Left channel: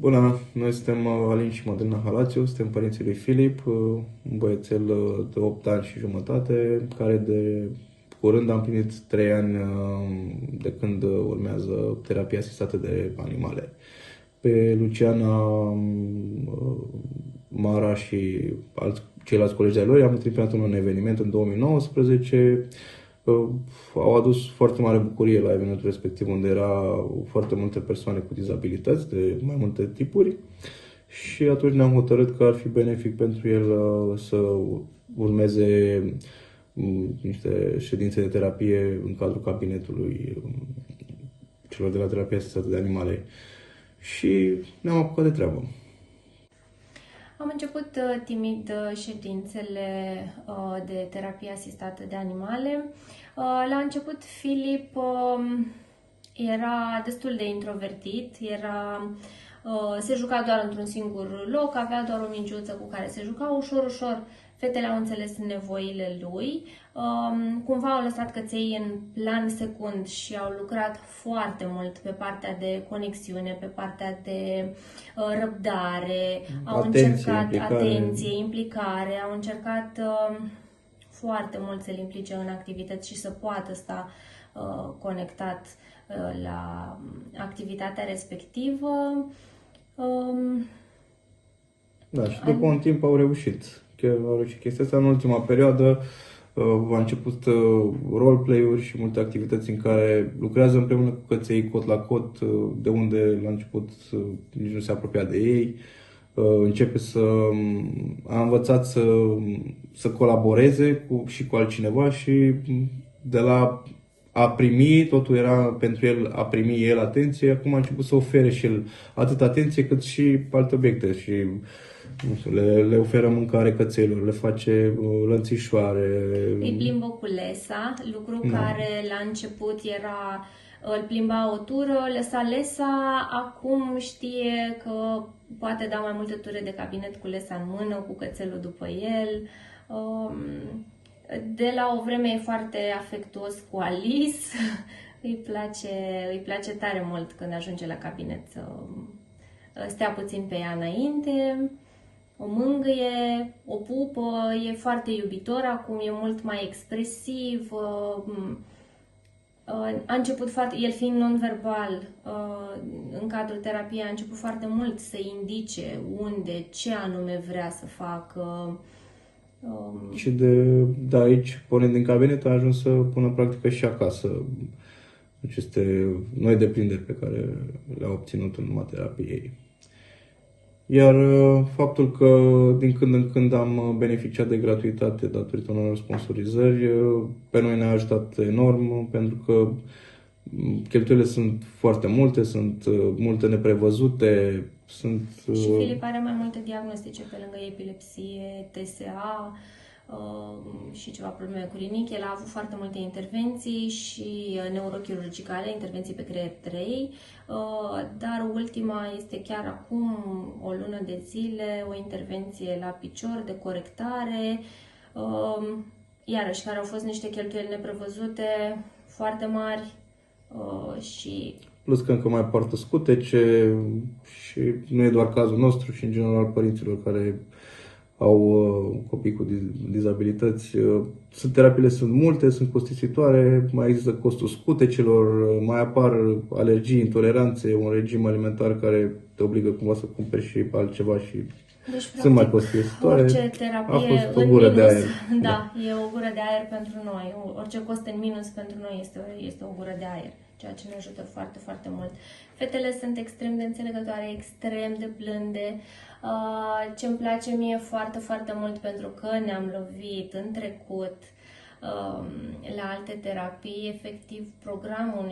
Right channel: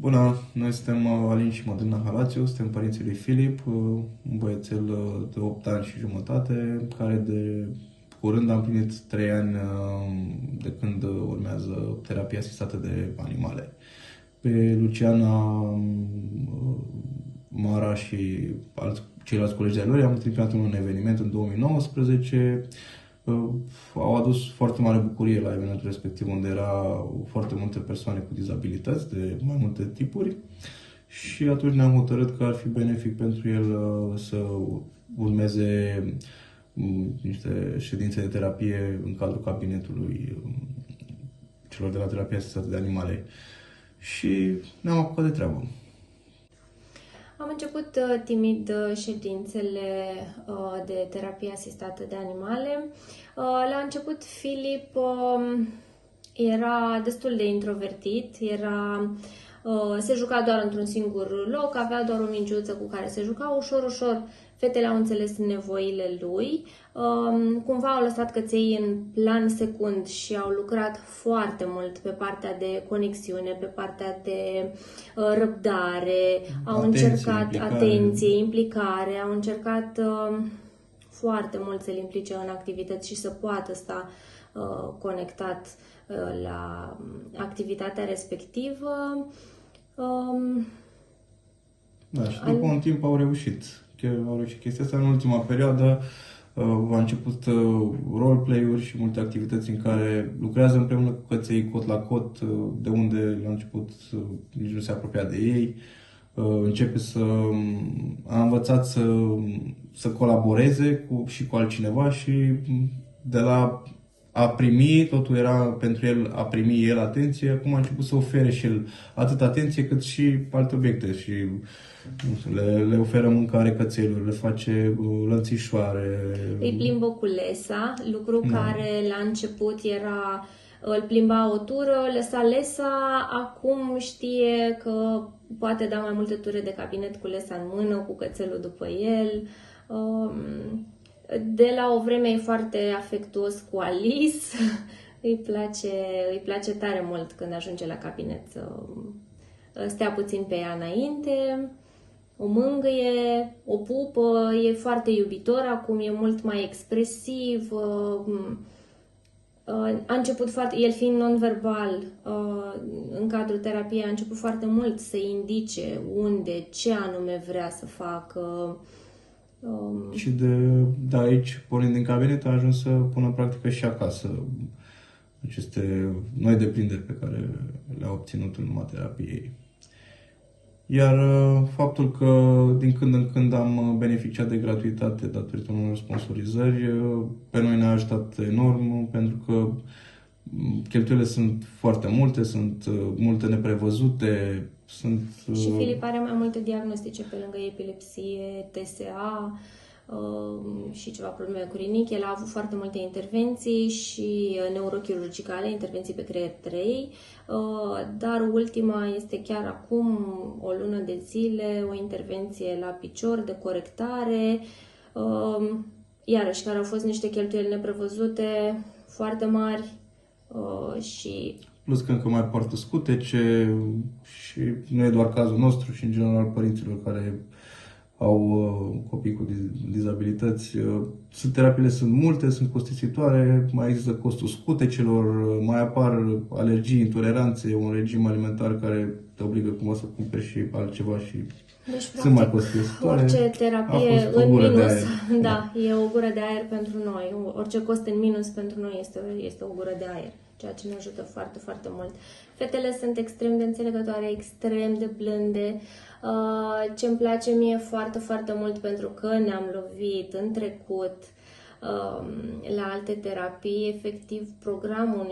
Bună, noi suntem Alin și Mădălina Halațiu, suntem părinții lui Filip, un băiețel de 8 ani și jumătate, care de curând a împlinit 3 ani de când urmează terapia asistată de animale. Pe Luciana, Mara și ceilalți colegi de-ai lor i-am întâlnit în un eveniment în 2019. Au adus foarte mare bucurie la evenimentul respectiv, unde erau foarte multe persoane cu dizabilități de mai multe tipuri, și atunci ne-am hotărât că ar fi benefic pentru el să urmeze niște ședințe de terapie în cadrul cabinetului celor de la terapia asistată de animale. Și ne-am apucat de treabă. Am început timid ședințele de terapie asistată de animale. La început Filip era destul de introvertit, se juca doar într-un singur loc, avea doar o mingioță cu care se juca. Ușor, ușor, fetele au înțeles nevoile lui. Cumva au lăsat căței în plan secund și au lucrat foarte mult pe partea de conexiune, pe partea de răbdare, au încercat atenție, implicare, au încercat foarte mult să-l implice în activități și să poată sta conectat la activitatea respectivă. Da, și după un timp au reușit. Chiar au reușit chestia asta. În ultima perioadă a început roleplay-uri și multe activități în care lucrează împreună cu căței cot la cot, de unde la început nici nu se apropia de ei. A învățat să colaboreze și cu altcineva, și de la a primi, totul era pentru el a primi el atenție, acum a început să ofere și el atât atenție cât și alte obiecte și le oferă mâncare cățelor, le face lănțișoare. Îi plimbă cu lesa, lucru care la început îl plimba o tură, lăsa lesa, acum știe că poate da mai multe ture de cabinet cu lesa în mână, cu cățelul după el. De la o vreme e foarte afectuos cu Alice, îi place tare mult când ajunge la cabinet să stea puțin pe ea înainte, o mângâie, o pupă, e foarte iubitor, acum e mult mai expresiv. A început el fiind non-verbal, în cadrul terapiei a început foarte mult să indice unde, ce anume vrea să facă. Și de aici, pornind din cabinet, a ajuns să pună în practică și acasă aceste noi deprinderi pe care le-a obținut în urma terapiei. Iar faptul că din când în când am beneficiat de gratuitate datorită unor sponsorizări, pe noi ne-a ajutat enorm, pentru că cheltuielile sunt foarte multe, sunt multe neprevăzute. Și Filip are mai multe diagnostice pe lângă epilepsie, TSA și ceva probleme cu rinichi. El a avut foarte multe intervenții și neurochirurgicale, intervenții pe creier 3, dar ultima este chiar acum o lună de zile, o intervenție la picior de corectare, iarăși care au fost niște cheltuieli neprevăzute foarte mari și... Plus că încă mai poartă scutece și nu e doar cazul nostru, și în general părinților care au copii cu dizabilități. Terapiile sunt multe, sunt costisitoare, mai există costul scutecelor, mai apar alergii, intoleranțe, un regim alimentar care te obligă cumva să cumperi și altceva și deci, sunt mai costisitoare. Orice terapie în minus, da, e o gură de aer pentru noi. Orice cost în minus pentru noi este o gură de aer, ceea ce ne ajută foarte, foarte mult. Fetele sunt extrem de înțelegătoare, extrem de blânde. Ce îmi place mie foarte, foarte mult, pentru că ne-am lovit în trecut la alte terapii, efectiv programul